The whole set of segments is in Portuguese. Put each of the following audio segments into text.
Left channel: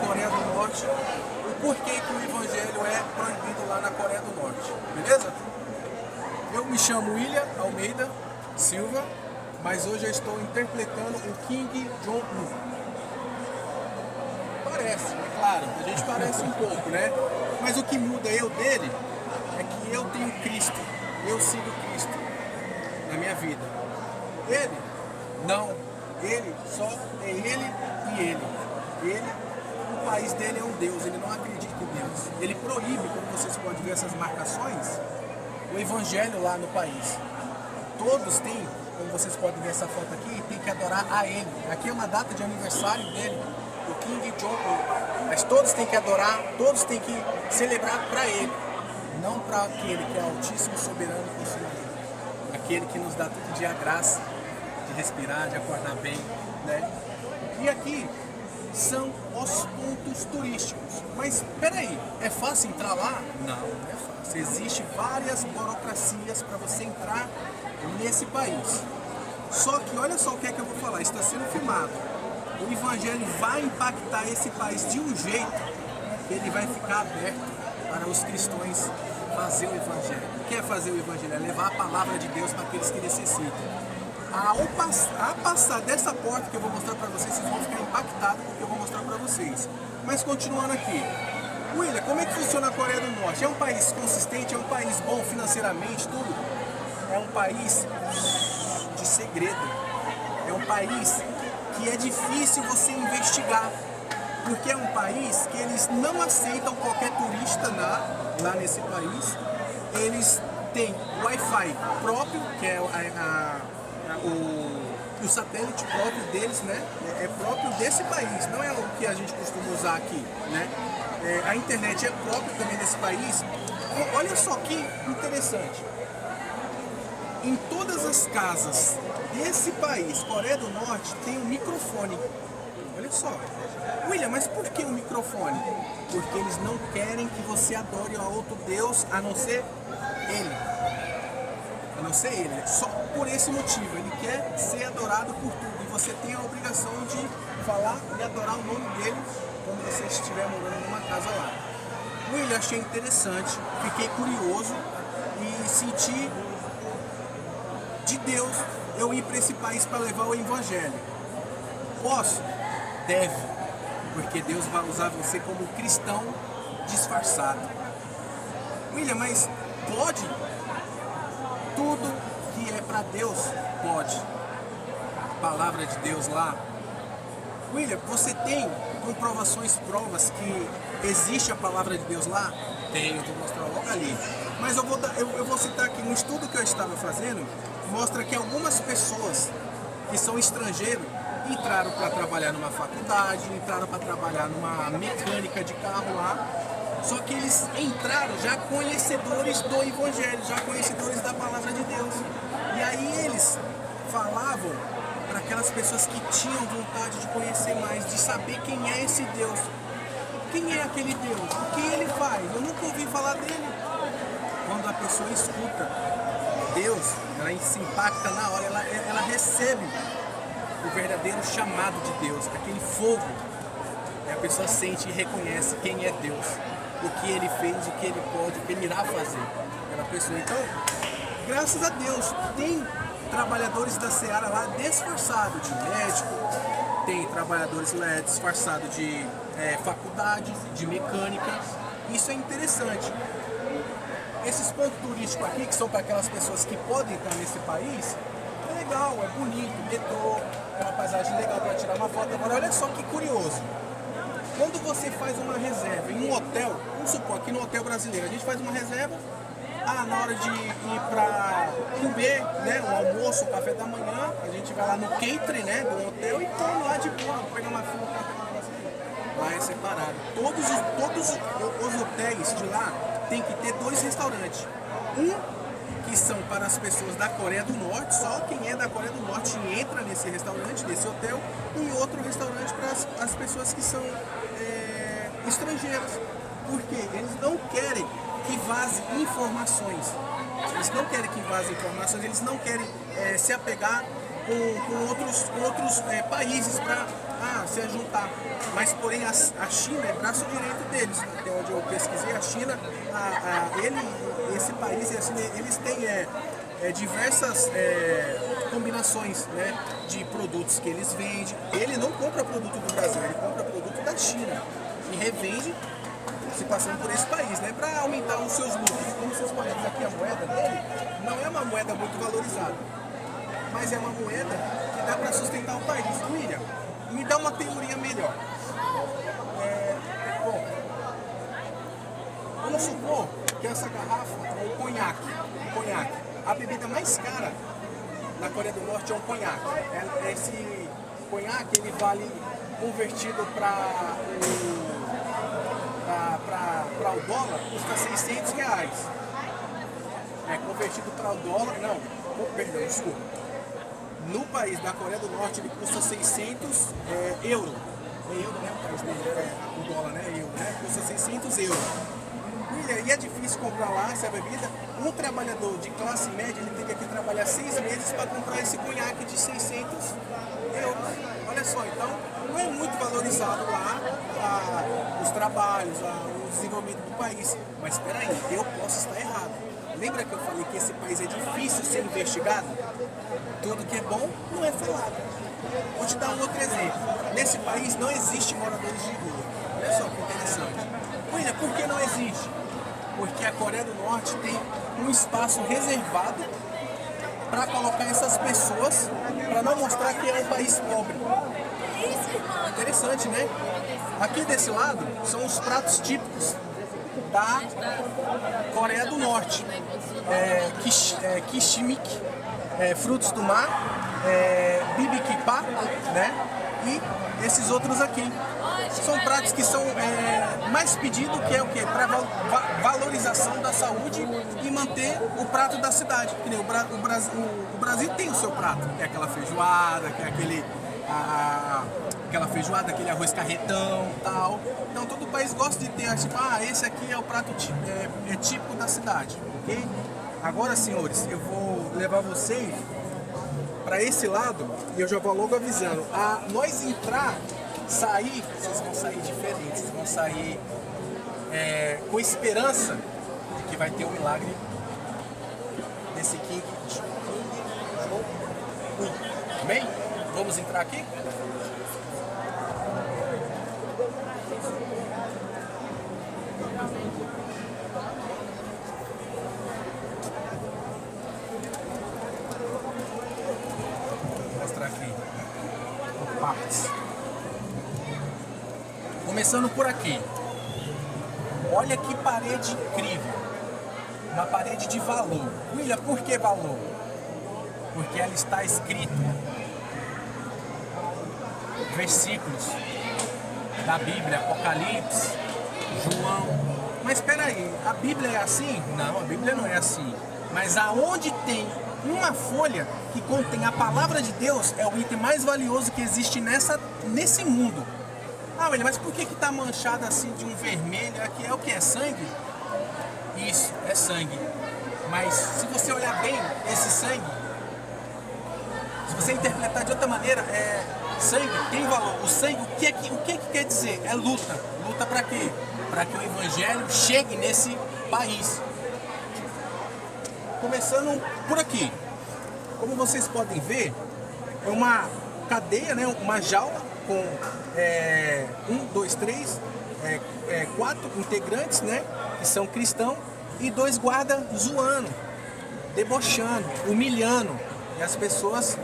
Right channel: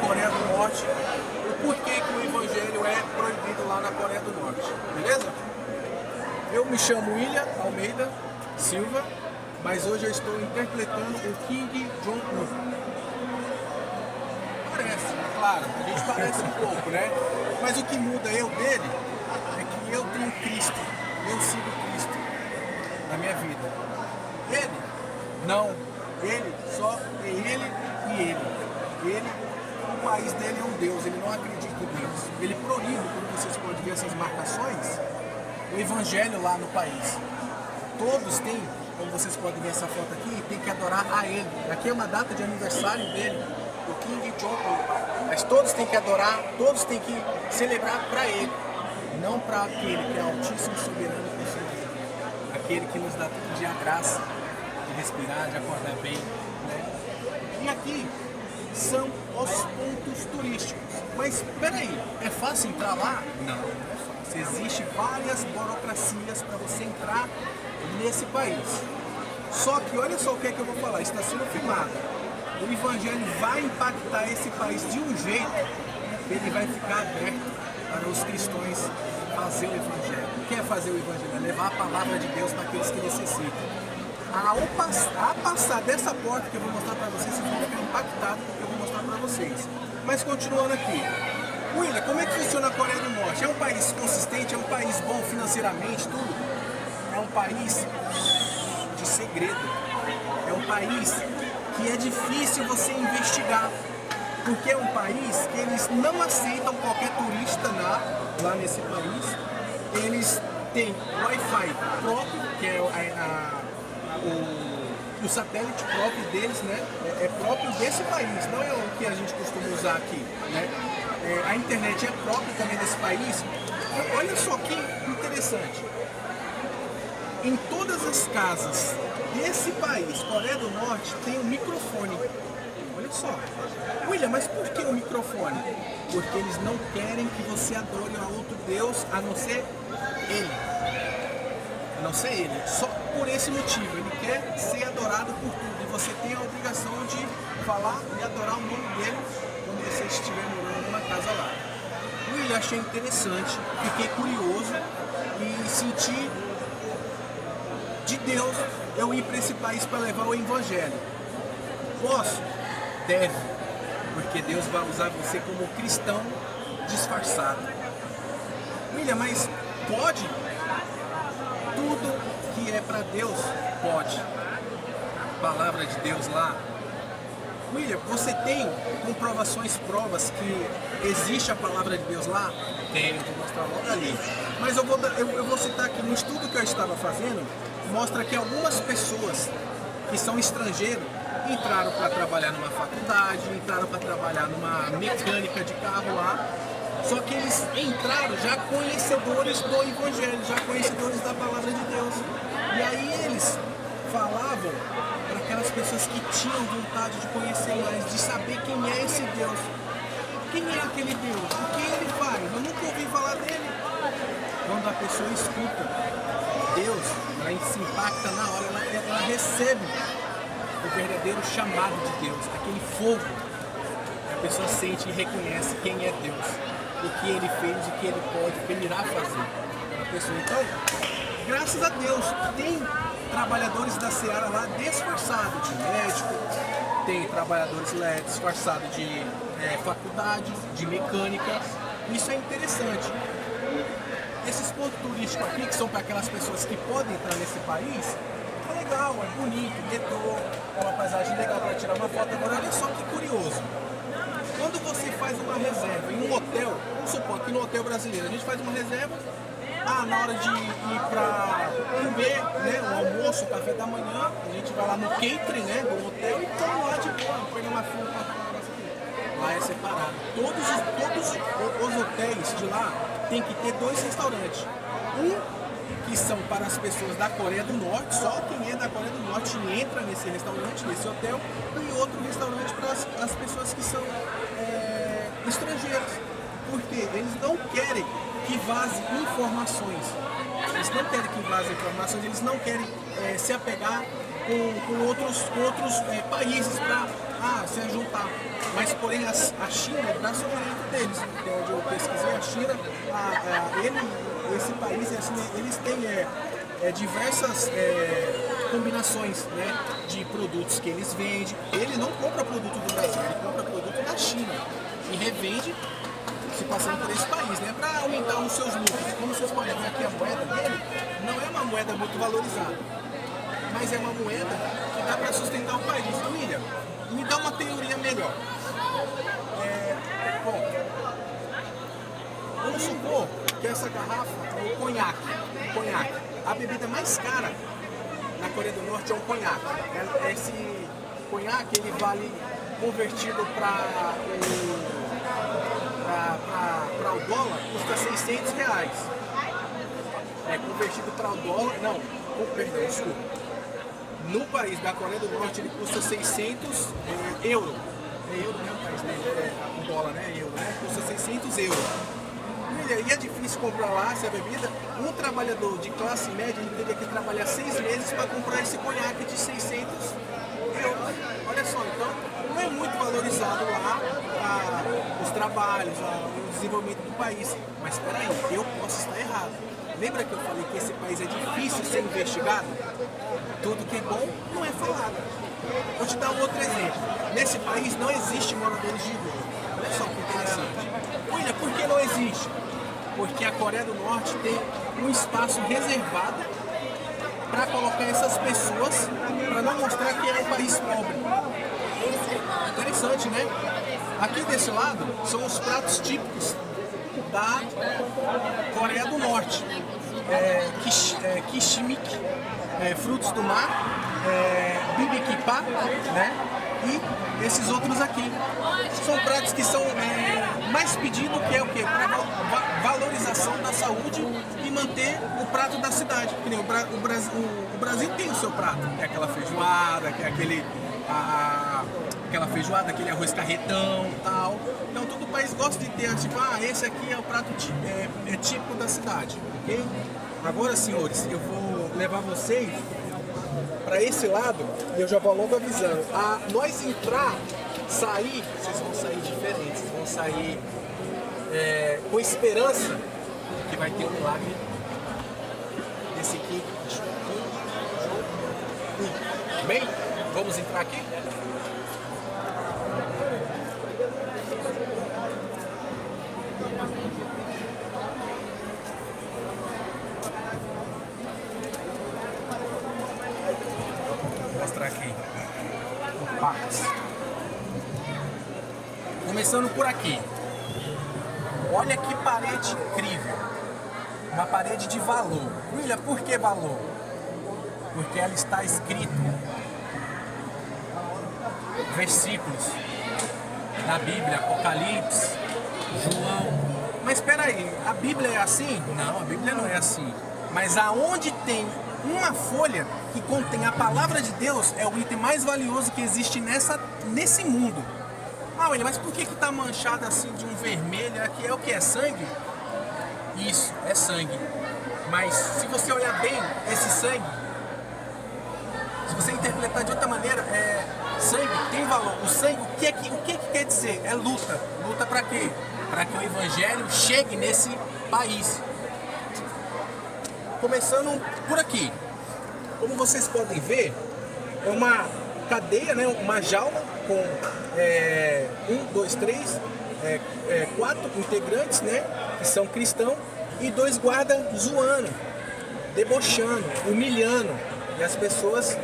Coreia do Norte, o porquê que o evangelho é proibido lá na Coreia do Norte, beleza? Eu me chamo William Almeida Silva, mas hoje eu estou interpretando o Kim Jong-un. Parece, é claro, a gente parece um pouco, né? Mas o que muda eu dele é que eu tenho Cristo, eu sigo Cristo na minha vida. Ele, não, ele só é ele e ele. Ele, o país dele é um Deus, ele não acredita em Deus. Ele proíbe, como vocês podem ver essas marcações, o evangelho lá no país. Todos têm, como vocês podem ver essa foto aqui, tem que adorar a ele. Aqui é uma data de aniversário dele, o Kim Jong-un. Mas todos têm que adorar, todos têm que celebrar para ele, não para aquele que é o Altíssimo Soberano e Conselheiro. Aquele que nos dá todo dia a graça de respirar, de acordar bem, né? E aqui são os pontos turísticos. Mas peraí, é fácil entrar lá? Não, não é fácil. Existem várias burocracias para você entrar nesse país. Só que olha só o que é que eu vou falar, está sendo filmado. O evangelho vai impactar esse país de um jeito que ele vai ficar aberto para os cristãos fazer o evangelho. O que é fazer o evangelho? É levar a palavra de Deus para aqueles que necessitam. A passar dessa porta que eu vou mostrar para vocês, vocês vão ficar impactados com o que eu vou mostrar para vocês. Mas continuando aqui, William, como é que funciona a Coreia do Norte? É um país consistente, é um país bom financeiramente, tudo? É um país de segredo. É um país que é difícil você investigar. Porque é um país que eles não aceitam qualquer turista lá nesse país. Eles têm Wi-Fi próprio, que é o satélite próprio deles, né? É próprio desse país, não é o que a gente costuma usar aqui, né? A internet é própria também desse país. Então, olha só que interessante. Em todas as casas desse país, Coreia do Norte, tem um microfone. Olha só. William, mas por que o microfone? Porque eles não querem que você adore a outro Deus a não ser ele. A não ser ele. Só por esse motivo. Ele quer ser adorado por tudo. E você tem a obrigação de falar e adorar o nome dele quando você estiver morando numa casa lá. William, achei interessante. Fiquei curioso e senti de Deus eu ir para esse país para levar o evangelho. Posso? Deve. Porque Deus vai usar você como cristão disfarçado. William, mas pode? Tudo que é para Deus, pode. A palavra de Deus lá. William, você tem comprovações, provas que existe a palavra de Deus lá? Tenho, vou mostrar logo ali. Mas eu vou citar aqui, no estudo que eu estava fazendo, mostra que algumas pessoas que são estrangeiros entraram para trabalhar numa faculdade, entraram para trabalhar numa mecânica de carro lá, só que eles entraram já conhecedores do evangelho, já conhecedores da palavra de Deus. E aí eles falavam para aquelas pessoas que tinham vontade de conhecer mais, de saber quem é esse Deus. Quem é aquele Deus? O que ele faz? Eu nunca ouvi falar dele. Quando a pessoa escuta Deus, ela se impacta na hora, ela recebe o verdadeiro chamado de Deus, aquele fogo. A pessoa sente e reconhece quem é Deus, o que ele fez, o que ele pode, o que ele irá fazer para a pessoa. Então, graças a Deus, tem trabalhadores da Seara lá disfarçados de médico, tem trabalhadores lá disfarçados de faculdade, de mecânica. Isso é interessante. Esses pontos turísticos aqui, que são para aquelas pessoas que podem entrar nesse país, é legal, é bonito, retrô, é uma paisagem legal para tirar uma foto. Agora, olha só que curioso. Quando você faz uma reserva em um hotel, vamos supor que no hotel brasileiro a gente faz uma reserva, na hora de ir para comer, né, o almoço, o café da manhã, a gente vai lá no catering, né, do hotel e toma lá de boa, pega uma fila para lá é separado. Todos os hotéis de lá tem que ter 2 restaurantes. Um que são para as pessoas da Coreia do Norte, só quem é da Coreia do Norte entra nesse restaurante, nesse hotel, e outro restaurante para as pessoas que são estrangeiros. Porque eles não querem que vaze informações. Eles não querem que vaze informações, eles não querem se apegar com outros países para se juntar. Mas, porém, a China é braço direito deles. Então, onde eu pesquisei, a China, esse país, assim, eles têm diversas combinações, né, de produtos que eles vendem. Ele não compra produto do Brasil, ele compra produto da China e revende, se passando por esse país, né, para aumentar os seus lucros. Como vocês podem ver aqui, a moeda dele não é uma moeda muito valorizada, mas é uma moeda que dá para sustentar o país. William, me dá uma teoria melhor. Bom, vamos supor que essa garrafa é um conhaque. A bebida mais cara na Coreia do Norte é um conhaque. Esse conhaque, ele vale, convertido para o dólar, custa R$600. Convertido para o dólar, perdão, desculpa. No país da Coreia do Norte, ele custa 600 euros. É euro, né? O dólar, né? Euro, né? Custa 600 euros. E é difícil comprar lá essa bebida. Um trabalhador de classe média, ele teria que trabalhar 6 meses para comprar esse conhaque de 600 euros. Olha só, então não é muito valorizado lá os trabalhos, o desenvolvimento do país. Mas espera aí, eu posso estar errado. Lembra que eu falei que esse país é difícil ser investigado? Tudo que é bom não é falado. Vou te dar um outro exemplo. Nesse país não existe moradores de rua. Olha só que interessante. William, por que não existe? Porque a Coreia do Norte tem um espaço reservado para colocar essas pessoas, para não mostrar que é um país pobre. Interessante, né? Aqui desse lado são os pratos típicos da Coreia do Norte. Kishimik, frutos do mar, bibikipa, né? E esses outros aqui. São pratos que são mais pedidos, que é o quê? Para valorização da saúde e manter o prato da cidade. O Brasil tem o seu prato, que é aquela feijoada, que é aquela feijoada, aquele arroz carretão e tal. Então todo o país gosta de ter, tipo, esse aqui é o prato típico da cidade, ok? Agora, senhores, eu vou levar vocês para esse lado e eu já vou logo avisando. Nós sair, vocês vão sair diferentes, vocês vão sair com esperança que vai ter um milagre desse aqui. Bem, vamos entrar aqui? Vou mostrar aqui por partes. Começando por aqui. Olha que parede incrível. Uma parede de valor. William, por que valor? Porque ela está escrito versículos da Bíblia, Apocalipse, João. Mas espera aí, a Bíblia é assim? Não, a Bíblia não é assim. Mas aonde tem uma folha que contém a palavra de Deus, é o item mais valioso que existe nesse mundo. William, mas por que está manchado assim de um vermelho? Aqui é o que? É sangue? Isso, é sangue. Mas se você olhar bem esse sangue, se você interpretar de outra maneira, sangue tem valor. O sangue, o que quer dizer? É luta. Luta para quê? Para que o evangelho chegue nesse país. Começando por aqui. Como vocês podem ver, é uma cadeia, né? Uma jaula com 4 integrantes, né? Que são cristãos, e 2 guardas zoando, debochando, humilhando, e as pessoas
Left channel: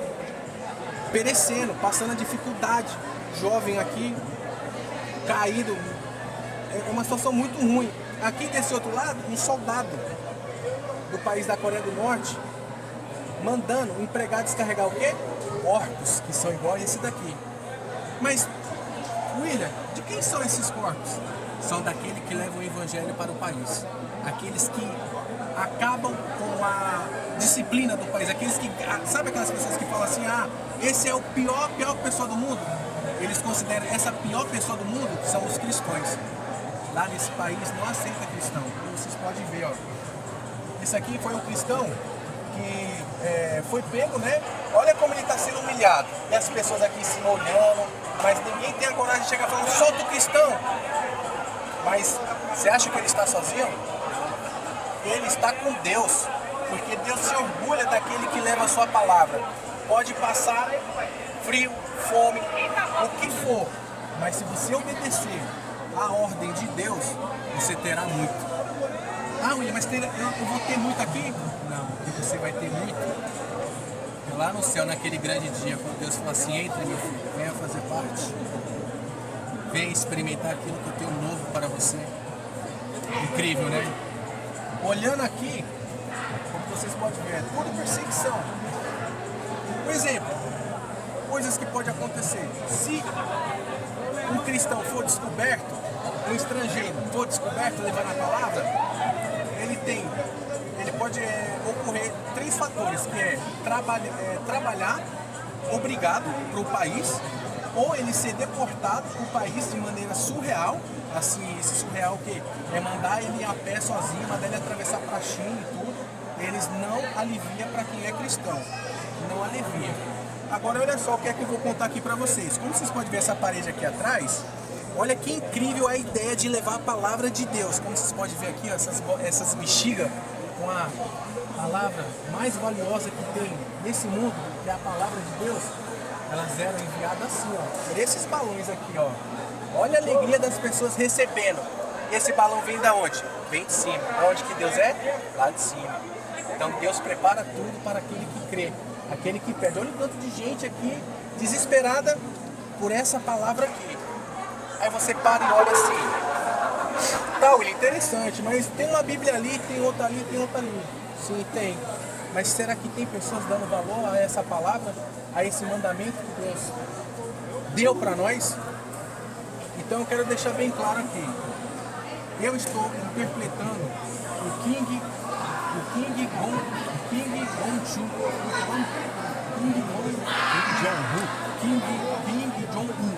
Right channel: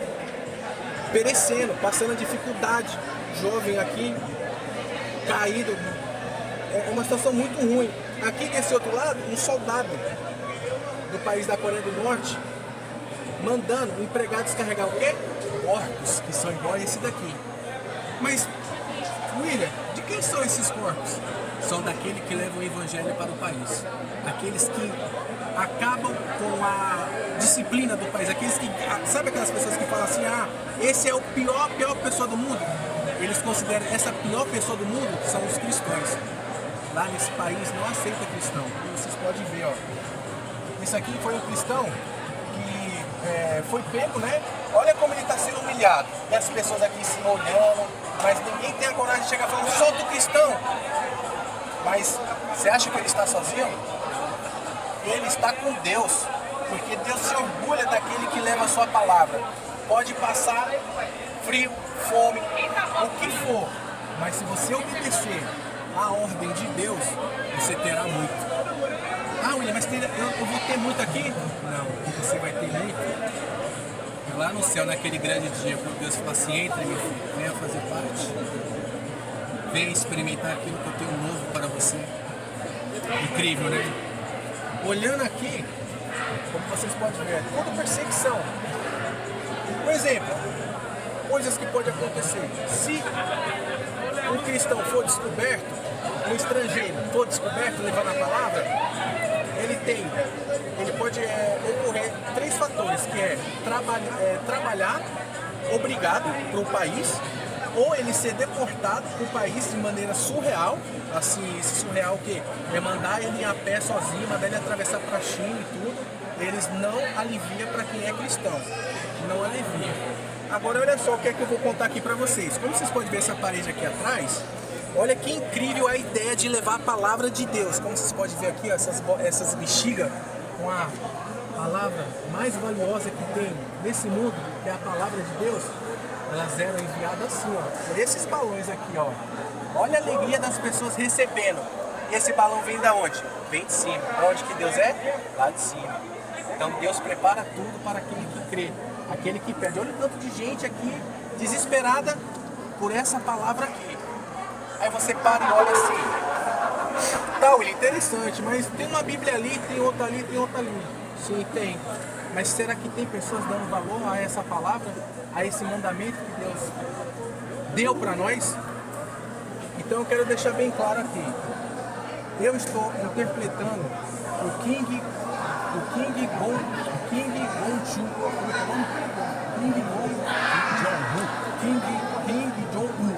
perecendo, passando dificuldade. Jovem aqui, caído. É uma situação muito ruim. Aqui desse outro lado, um soldado do país da Coreia do Norte mandando o empregado descarregar o quê? Corpos, que são igual a esse daqui. Mas, William, de quem são esses corpos? São daqueles que levam o evangelho para o país. Aqueles que acabam com a disciplina do país. Aqueles que, sabe aquelas pessoas que falam assim, esse é a pior pessoa do mundo? Eles consideram essa pior pessoa do mundo são os cristãos. Lá nesse país não aceita cristão. Como vocês podem ver, ó. Esse aqui foi um cristão que foi pego, né? Olha como ele está sendo humilhado. E as pessoas aqui se olhando, mas ninguém tem a coragem de chegar falando, sou do cristão. Mas você acha que ele está sozinho? Ele está com Deus, porque Deus se orgulha daquele que leva a sua palavra. Pode passar frio, fome, o que for, mas se você obedecer à ordem de Deus, você terá muito. Ah, William, mas eu vou ter muito aqui? Não, você vai ter muito lá no céu, naquele grande dia, quando Deus fala assim, entre, meu filho, venha fazer parte. Venha experimentar aquilo que eu tenho novo para você. Incrível, né? Olhando aqui, como vocês podem ver, toda perseguição. Por exemplo, coisas que podem acontecer. Se um cristão for descoberto, um estrangeiro for descoberto levando a palavra, ele pode ocorrer 3 fatores, que é trabalhar obrigado para o país, ou ele ser deportado para o país de maneira surreal, assim, esse surreal que é mandar ele ir a pé sozinho, mandar ele atravessar para a China e tudo, eles não aliviam para quem é cristão, não aliviam. Agora olha só o que é que eu vou contar aqui para vocês. Como vocês podem ver essa parede aqui atrás, olha que incrível a ideia de levar a palavra de Deus. Como vocês podem ver aqui, ó, essas bexigas com a palavra mais valiosa que tem nesse mundo, que é a palavra de Deus, elas eram enviadas assim, ó, por esses balões aqui, ó. Olha a alegria das pessoas recebendo. Esse balão vem da onde? Vem de cima. Onde que Deus é? Lá de cima. Então Deus prepara tudo para aquele que crê, aquele que pede. Olha o tanto de gente aqui desesperada por essa palavra aqui. Aí você para e olha assim. Tá, William, interessante, mas tem uma Bíblia ali, tem outra ali, tem outra ali. Sim, tem. Mas será que tem pessoas dando valor a essa palavra, a esse mandamento que Deus deu para nós? Então eu quero deixar bem claro aqui. Eu estou interpretando o King Jong-un.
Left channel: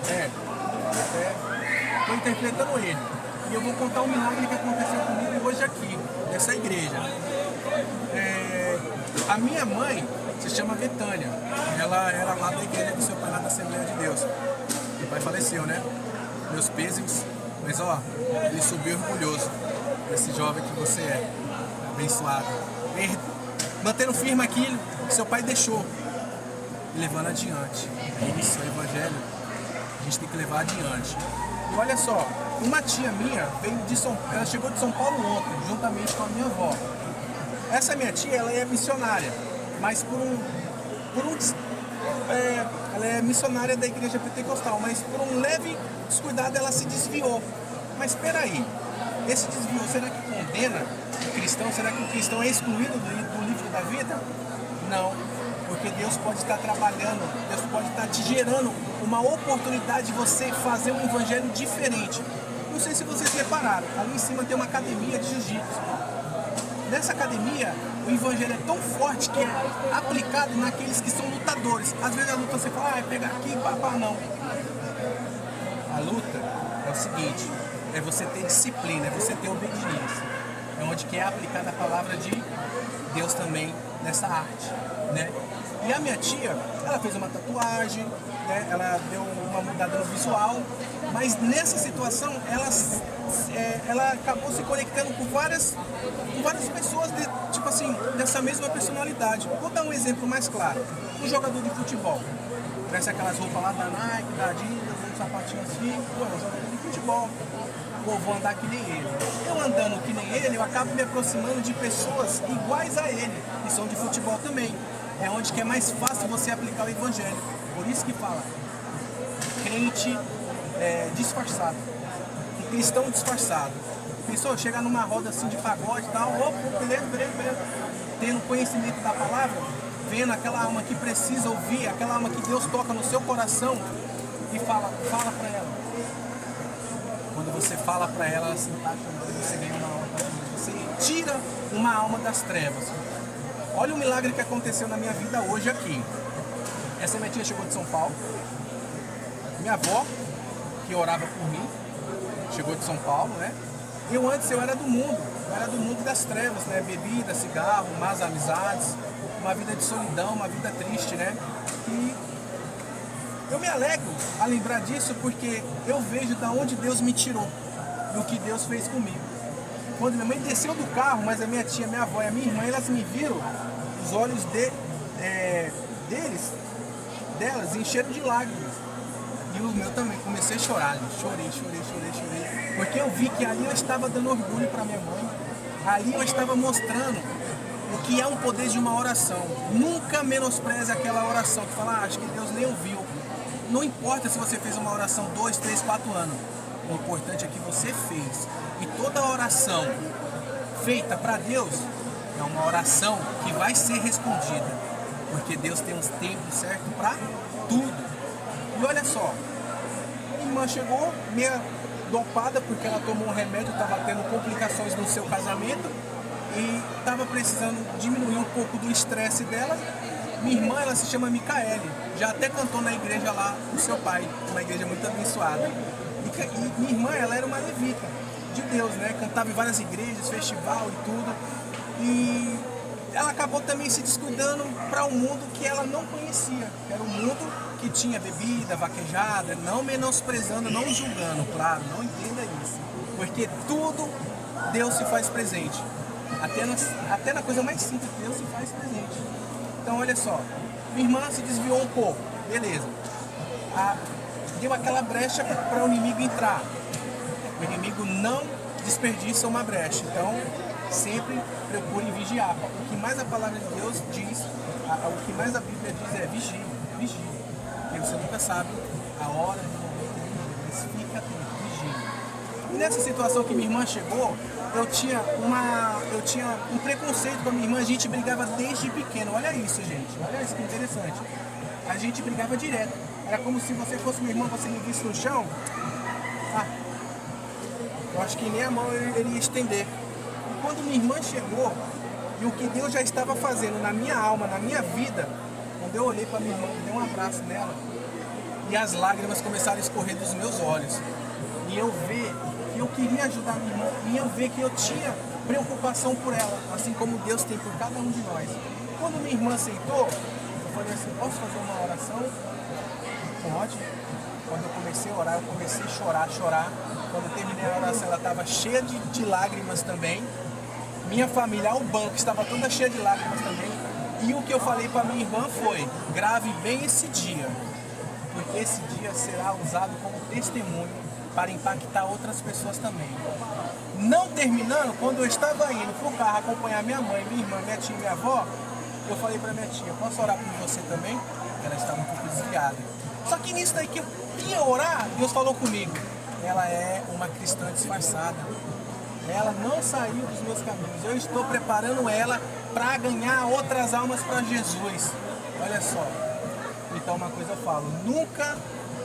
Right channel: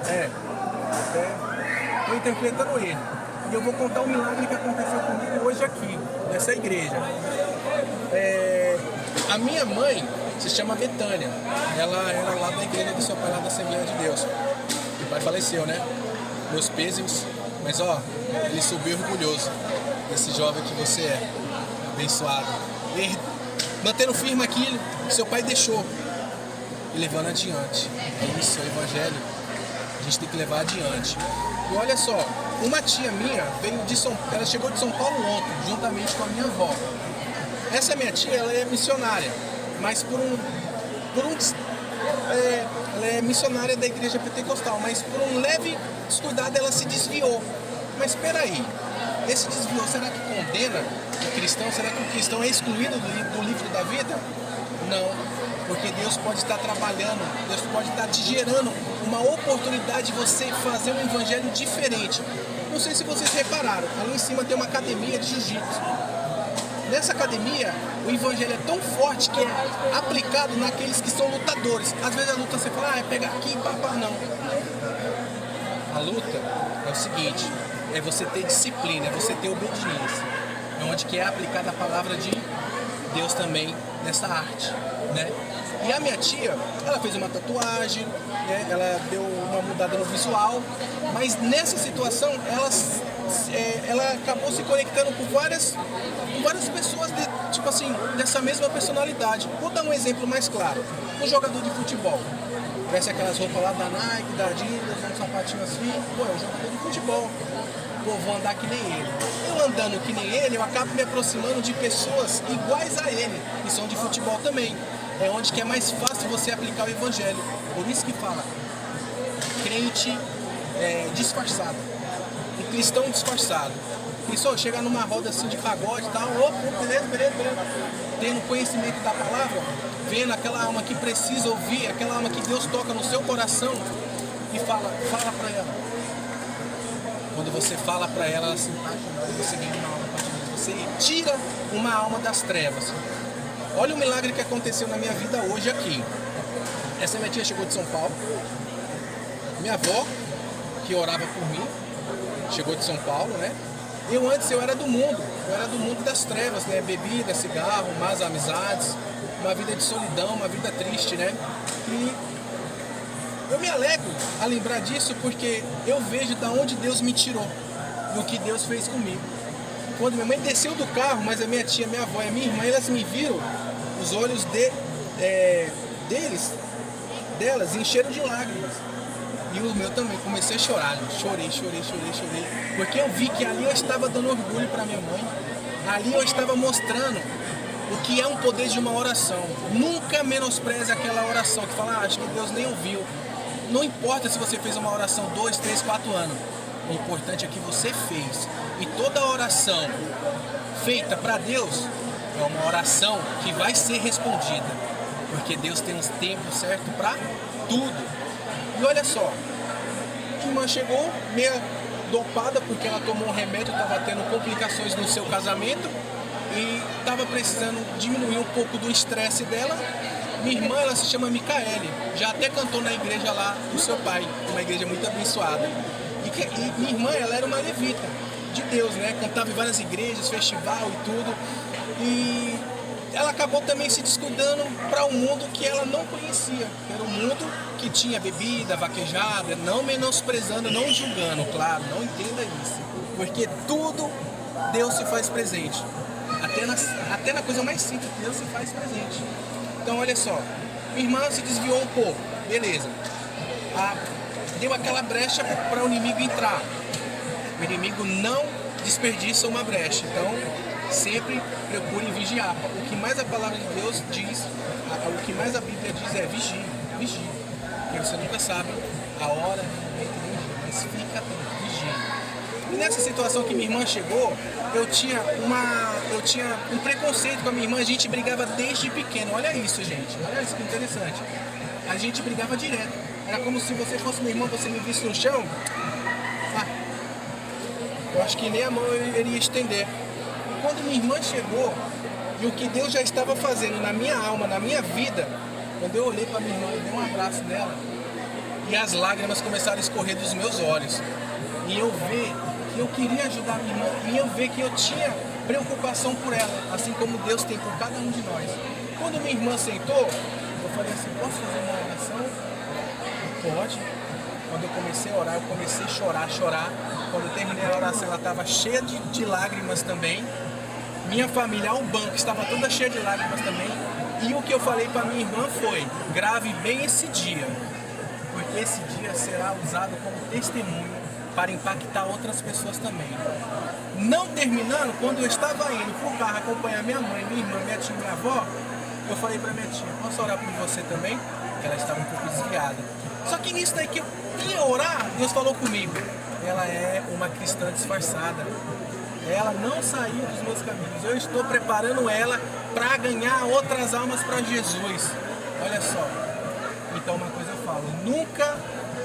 Estou interpretando ele. E eu vou contar um milagre que aconteceu comigo hoje aqui, nessa igreja. A minha mãe se chama Betânia. Ela era lá da igreja do seu pai, lá da Assembleia de Deus. Meu pai faleceu, né? Meus pêsames. Mas ó, ele subiu orgulhoso desse jovem que você é. Abençoado. E mantendo firme aquilo que seu pai deixou. E levando adiante. Isso, o evangelho, a gente tem que levar adiante. E olha só, uma tia minha veio de ela chegou de São Paulo ontem, juntamente com a minha avó. Essa minha tia, ela é missionária, mas ela é missionária da igreja pentecostal, mas por um leve descuidado ela se desviou. Mas espera aí, esse desvio, será que condena o cristão? Será que o cristão é excluído do livro da vida? Não, porque Deus pode estar trabalhando, Deus pode estar te gerando uma oportunidade de você fazer um evangelho diferente. Não sei se vocês repararam, ali em cima tem uma academia de jiu-jitsu. Nessa academia, o evangelho é tão forte que é aplicado naqueles que são lutadores. Às vezes a luta você fala, é pegar aqui, papá, não. A luta é o seguinte, é você ter disciplina, é você ter obediência. É onde que é aplicada a palavra de Deus também nessa arte, né? E a minha tia, ela fez uma tatuagem, né? Ela deu uma mudada no visual, mas nessa situação ela acabou se conectando com várias pessoas tipo assim, dessa mesma personalidade. Vou dar um exemplo mais claro. Um jogador de futebol, veste aquelas roupas lá da Nike, da Adidas, um sapatinho assim, pô, é um jogador de futebol. Pô, vou andar que nem ele. Eu andando que nem ele, eu acabo me aproximando de pessoas iguais a ele, que são de futebol também. É onde que é mais fácil você aplicar o evangelho. Por isso que fala, crente disfarçado, um cristão disfarçado. Pensou, chegar numa roda assim de pagode e tal, opa, beleza. Tendo conhecimento da palavra, vendo aquela alma que precisa ouvir, aquela alma que Deus toca no seu coração e fala pra ela. Quando você fala pra ela, ela se apaixona, você ganha uma alma pra Deus. Você tira uma alma das trevas. Olha o milagre que aconteceu na minha vida hoje aqui. Essa minha tia chegou de São Paulo. Minha avó, que orava por mim, chegou de São Paulo, né? Eu era do mundo das trevas, né? Bebida, cigarro, más amizades, uma vida de solidão, uma vida triste, né? E Eu me alegro a lembrar disso porque eu vejo da onde Deus me tirou, do que Deus fez comigo. Quando minha mãe desceu do carro, mas a minha tia, minha avó e a minha irmã, elas me viram, os olhos delas encheram de lágrimas. E o meu também, comecei a chorar, gente. Chorei. Porque eu vi que ali eu estava dando orgulho para minha mãe. Ali eu estava mostrando o que é um poder de uma oração. Nunca menospreze aquela oração que fala, acho que Deus nem ouviu. Não importa se você fez uma oração 2, 3, 4 anos. O importante é que você fez. E toda oração feita para Deus é uma oração que vai ser respondida. Porque Deus tem uns tempos certos para tudo. E olha só, minha irmã chegou meio dopada porque ela tomou um remédio, estava tendo complicações no seu casamento e estava precisando diminuir um pouco do estresse dela. Minha irmã, ela se chama Micaele, já até cantou na igreja lá do seu pai, uma igreja muito abençoada. E minha irmã, ela era uma levita de Deus, né? Cantava em várias igrejas, festival e tudo. E ela acabou também se descuidando para um mundo que ela não conhecia, que era um mundo que tinha bebida, vaquejada, não menosprezando, não julgando, claro, não entenda isso. Porque tudo Deus se faz presente. Até na coisa mais simples, Deus se faz presente. Então olha só, minha irmã se desviou um pouco, beleza. Deu aquela brecha para o inimigo entrar. O inimigo não desperdiça uma brecha, então sempre procure vigiar. O que mais a palavra de Deus diz, o que mais a Bíblia diz é vigie. Porque você nunca sabe a hora mas fica atento, vigie. E nessa situação que minha irmã chegou, eu tinha um preconceito com a minha irmã, a gente brigava desde pequeno. Olha isso, gente, olha isso que interessante. A gente brigava direto. Era como se você fosse minha irmã, você me visse no chão. Eu acho que nem a mão eu iria estender. E quando minha irmã chegou, e o que Deus já estava fazendo na minha alma, na minha vida, quando eu olhei para minha irmã, dei um abraço nela, e as lágrimas começaram a escorrer dos meus olhos. E eu ver que eu queria ajudar minha irmã, e eu ver que eu tinha preocupação por ela, assim como Deus tem por cada um de nós. Quando minha irmã sentou, eu falei assim, posso fazer uma oração? Pode. Quando eu comecei a orar, eu comecei a chorar. Quando eu terminei a oração, ela estava cheia de lágrimas também. Minha família ao banco estava toda cheia de lágrimas também. E o que eu falei para minha irmã foi, grave bem esse dia, porque esse dia será usado como testemunho para impactar outras pessoas também. Não terminando, quando eu estava indo para o carro acompanhar minha mãe, minha irmã, minha tia e minha avó, eu falei para minha tia, posso orar por você também? Ela estava um pouco desligada. Só que nisso daí que eu ia orar, Deus falou comigo. Ela é uma cristã disfarçada. Ela não saiu dos meus caminhos. Eu estou preparando ela para ganhar outras almas para Jesus. Olha só. Então uma coisa eu falo, nunca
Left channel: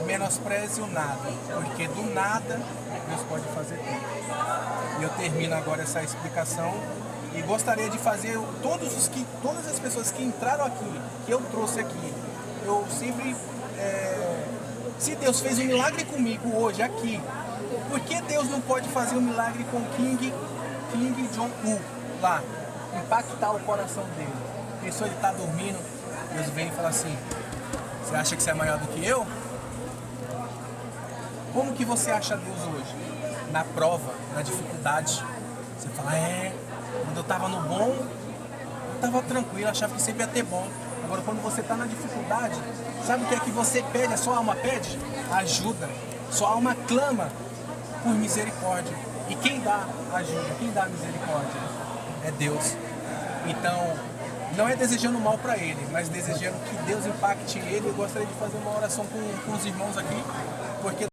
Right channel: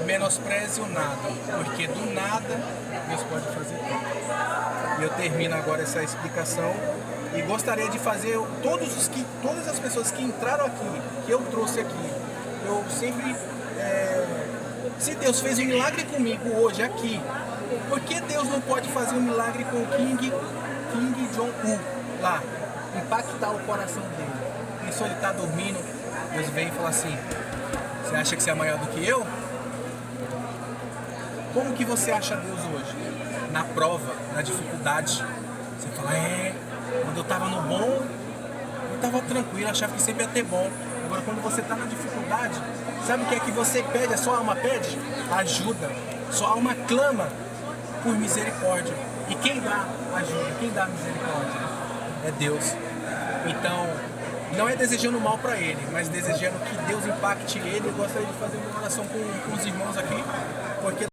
menospreze o nada, porque do nada Deus pode fazer tudo. E eu termino agora essa explicação e gostaria de fazer todas as pessoas que entraram aqui, que eu trouxe aqui, eu sempre se Deus fez um milagre comigo hoje aqui, por que Deus não pode fazer um milagre com o King Jong-un lá? Impactar o coração dele. A pessoa ele está dormindo, Deus vem e fala assim, você acha que você é maior do que eu? Como que você acha Deus hoje? Na prova, na dificuldade. Você fala, quando eu estava no bom, eu estava tranquilo, achava que sempre ia ter bom. Agora quando você está na dificuldade, sabe o que é que você pede? A sua alma pede? Ajuda. Sua alma clama por misericórdia. E quem dá ajuda, quem dá misericórdia? É Deus. Então, não é desejando mal para ele, mas desejando que Deus impacte ele. Eu gostaria de fazer uma oração com os irmãos aqui, porque